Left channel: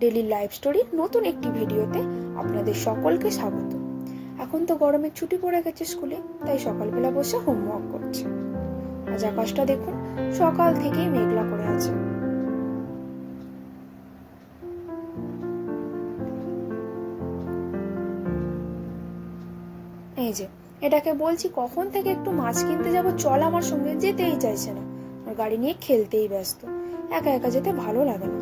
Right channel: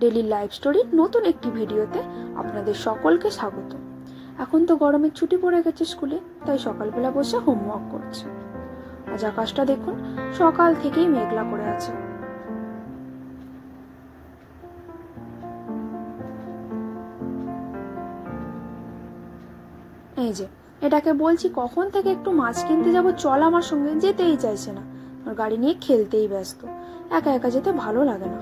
Daily life স্টোরির নতুন একটি ভিডিওতে আপনাদের সকলকে স্বাগত। এখন তো গরমের ছুটি পড়ে গেছে স্কুলে, তাই সকালবেলা বসে হোমওয়ার্ক করছে। আজ আকাশটা দেখুন, সকাল থেকেই মেঘলা করে আছে। এই যে এটাকে বলছি কখন থেকে একটু মাছ কিনতে যাব, চল আমার সঙ্গে, যেতেই চাইছে না। আর গাড়ি নিয়ে খেলতেই ব্যস্ত, একা একা যেতে ভালো লাগে না।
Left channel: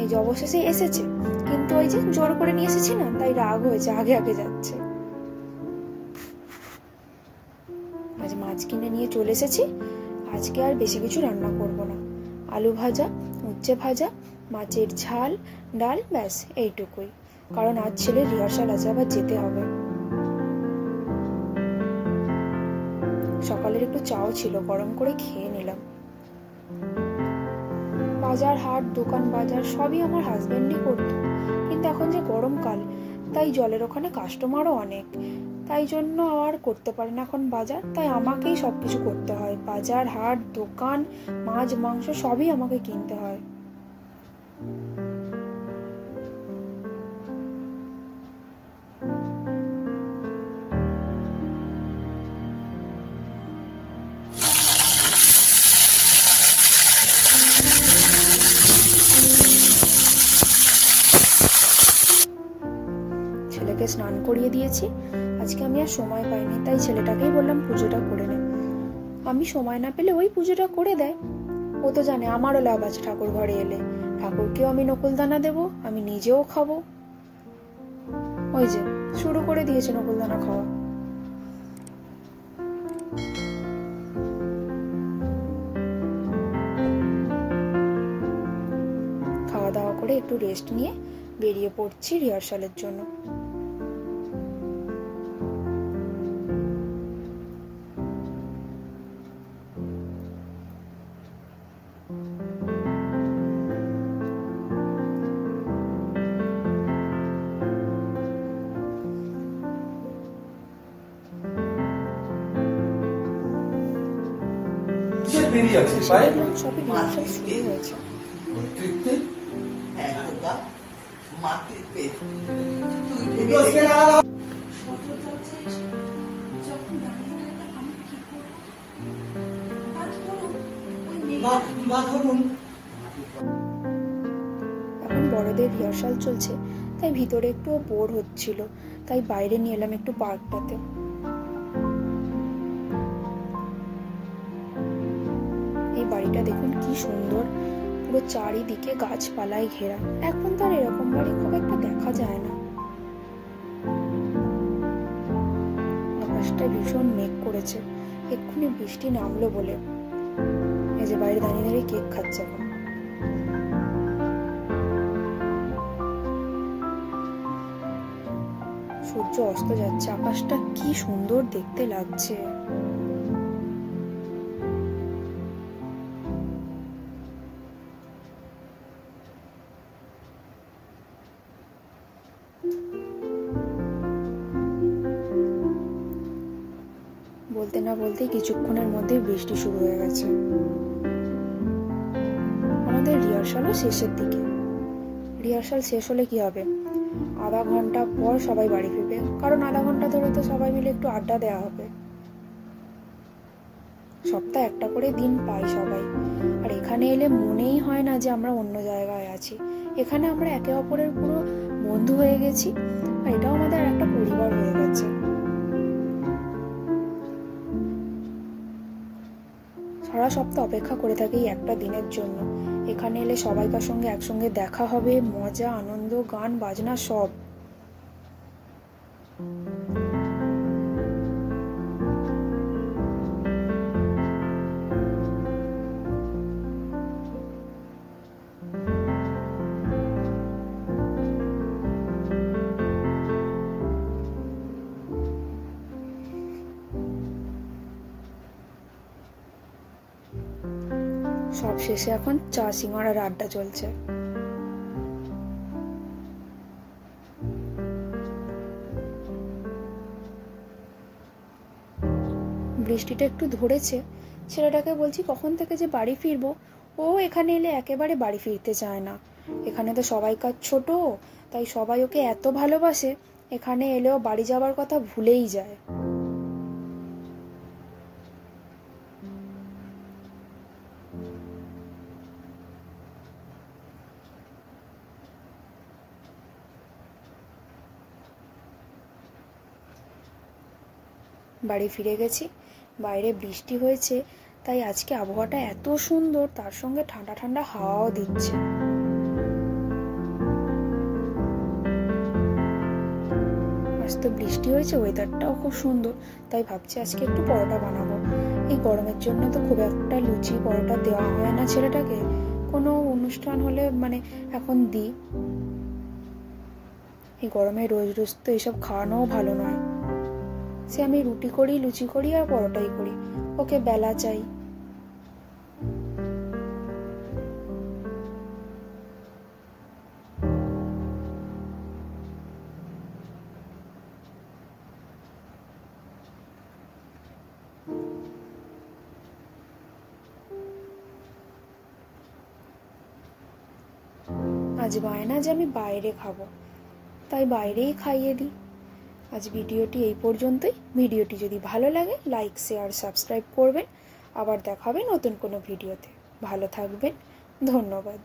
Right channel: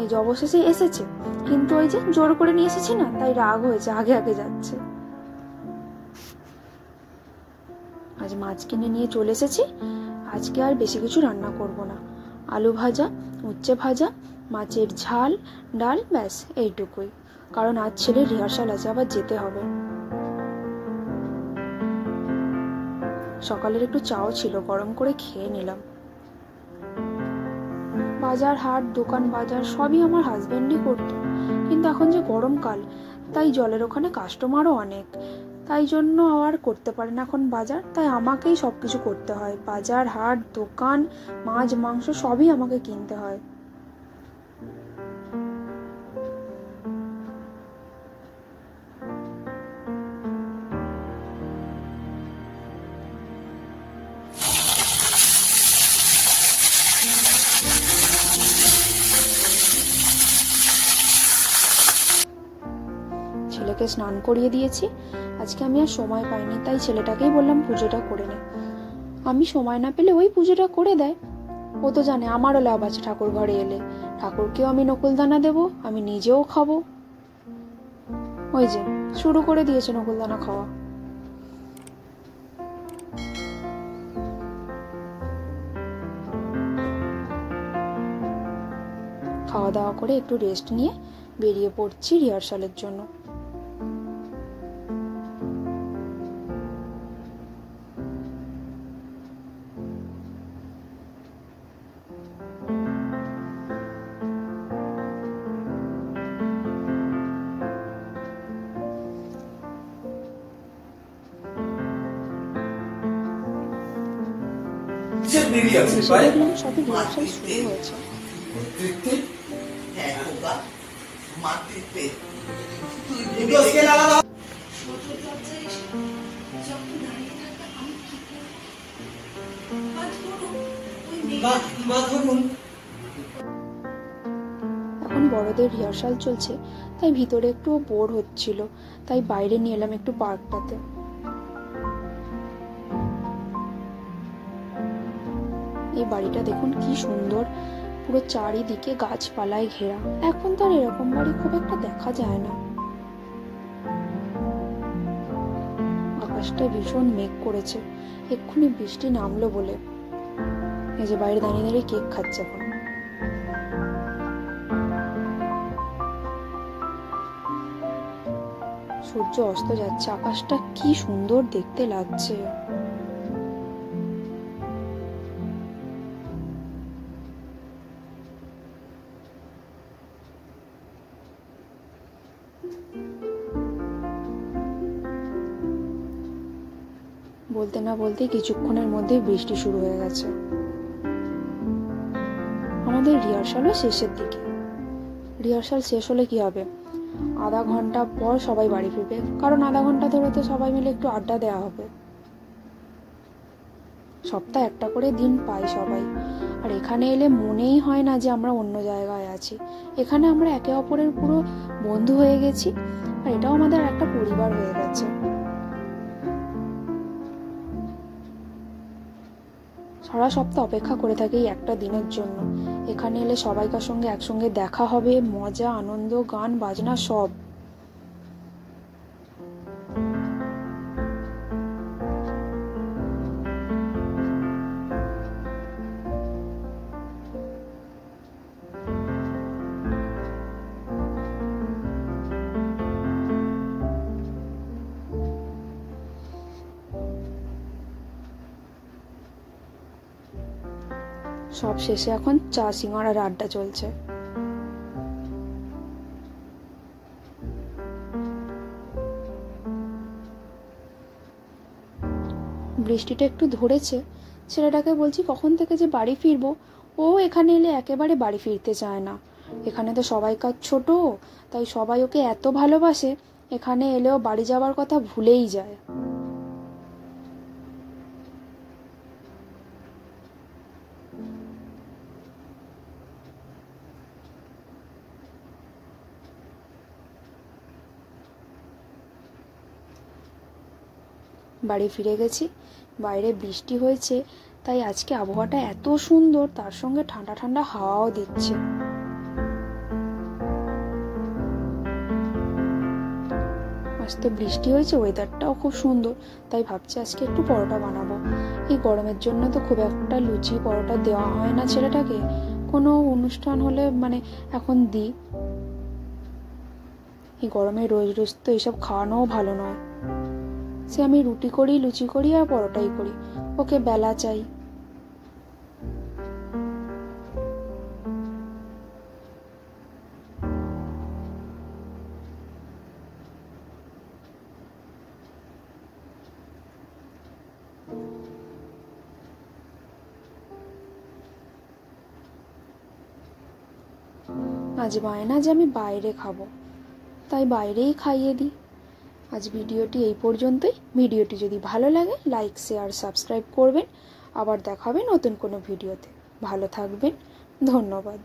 এই যে অবশেষে এসেছে, কিন্তু ওই যে জোর করে নিয়ে এসেছি না, তাই রাগ হয়েছে, আগে আগে যাচ্ছে। আজ মাছ কিনে নিয়ে চলে এসেছি। আজকে আর বেশি কিছু রান্না করব না, আলু ভাজা, উচ্ছে ভাজা, মাছের ঝাল, ডাল, ব্যাস এইটুকুই। কারণ আজ ছেলের রিহার্সাল আছে, আবার যেতে হবে। সকালের একটু চাও ছিল, গরম করে খেয়ে নিলাম। বাজার হাট, দোকান বাজার সবই আমার হাজবেন্ডই করতো, কিন্তু এখন যে গরমকাল, তাই জলের ওখানে কাস্টমারও অনেক, তাই জন্য আর করতে পারে না এখন বাজার। তাই আমাকেই সবকিছু করতে হয়, বাজার হাট দোকান, মাছ মাংস সবই আমাকে কিনতে হয়। ছেলেকে স্নান করিয়ে দিয়েছি। আজকে আমি আর সময় পাইনি, তাই ছেলেটাকেই বললাম পুজোটা করে নে। আমি সময় না পেলে ওই পুজোটা করে দেয়। ও তো জানে আমারও লাভ আছে ঠাকুর ঘরে এলে, ঠাকুরকেও আমি নকুলদানা দেব, আমি নিজেও খাবো। ওই যে শুরু করে দিয়েছে নকুলদানা খাওয়া। খাওয়া দাওয়া করে একটু রেস্ট নিয়ে বেরিয়ে পড়ছি রিহার্সালের জন্য। সবই রিহার্সাল শুরু হয়েছে। এখন বড়দের রিহার্সাল চলছে, তাই ভিতরে একটু বোর হচ্ছিল, তাই বাইরে নিয়ে এলাম একটু পার্কটাতে। এই বাড়িটা দেখুন কি সুন্দর, পুরো চারিদিকে গাছপালায় ঘেরা। এখন তো আর এরকম বাড়ি খুব একটা দেখা যায় না। আকাশটা ভীষণ মেঘ করেছে, এক্ষুনি বৃষ্টি নামলো বলে। এই যে বাইরে দাঁড়িয়ে দাঁড়িয়ে কেক খাচ্ছে এখন। সূর্য অস্ত যাচ্ছে, আকাশটা কি সুন্দর দেখতে লাগছে। বলতে না বলতে কিছুক্ষণের মধ্যে বৃষ্টি শুরু হয়ে গেছে। আমাদের রিহার্সালও শেষের দিকে। রিহার্সাল শেষ হলে কি হবে, আধা ঘন্টা পর সবাই বাড়ি ফিরবে, কারণ আধা ঘন্টা ধরে তো সবাই মিলে একটু আড্ডা দেওয়া হবে। সপ্তাহে একটা করে দিন পাই সবাই, আর এখানে এলে মনেই হয় না যে আমরা অন্য জায়গায় আছি। এখানে আমরা একে অপরের পুরো বন্ধু হয়ে গেছি, আর এটাও আমাদের একটা পরিবার হয়ে গেছে। সারা সপ্তাহ অপেক্ষা করে থাকি একটা দিনের জন্য। এখানে এলে সবাইকার সঙ্গে একসঙ্গে দেখা হবে, মজা আনন্দ গান বাজনা সব। সব শেষে এখন চা সিঙ্গাড়ার আড্ডা চলছে। বৃষ্টিটা একটু ধরেছে, ছেলেটাকে বলছি কখন থেকে যে বাড়ি ফিরবো। ও এখানে এলে একেবারে বাড়ি ফিরতে চায় না, এখানে তো সবাইকার ছোট, তাই সবাই ওকে এত ভালোবাসে, এখানে এলেও বাড়ি যাওয়ার কথা ভুলেই যায়। বাড়ি ফিরে গেছি, বাইরে বৃষ্টি হয়েছে, তাই আজকে আবহাওয়াটা এত সুন্দর, তার সঙ্গে ঠান্ডা ঠান্ডা হাওয়াও দিচ্ছে। আজ তো বৃষ্টি হয়েছে, ওয়েদারটাও খুব সুন্দর, তাই ভাবছি আজকে একটু পরোটা বানাবো। এই গরমের জন্য তো খুব একটা লুচি পরোটা দেওয়া হয় না ছেলেটাকে, কোনো অনুষ্ঠান হলে মানে এখন দিই। এই গরমে রোজ রোজ তো এইসব খাওয়ানোও ভালো নয়। সে আমি রুটি করি, লুচি করি আর পরোটাই করি, ওকে বেলা চাই। আজ বায়না যে আমি বাইরে খাবো, তাই বাইরেই খাইয়ে দিই। আজ ভিডিওটি এই পর্যন্তই। ভিডিওটি যদি ভালো লাগে লাইক, শেয়ার, সাবস্ক্রাইব করবেন। আবার দেখাবে নতুন কোনো ভিডিওতে। ভালো থাকবেন, ধন্যবাদ।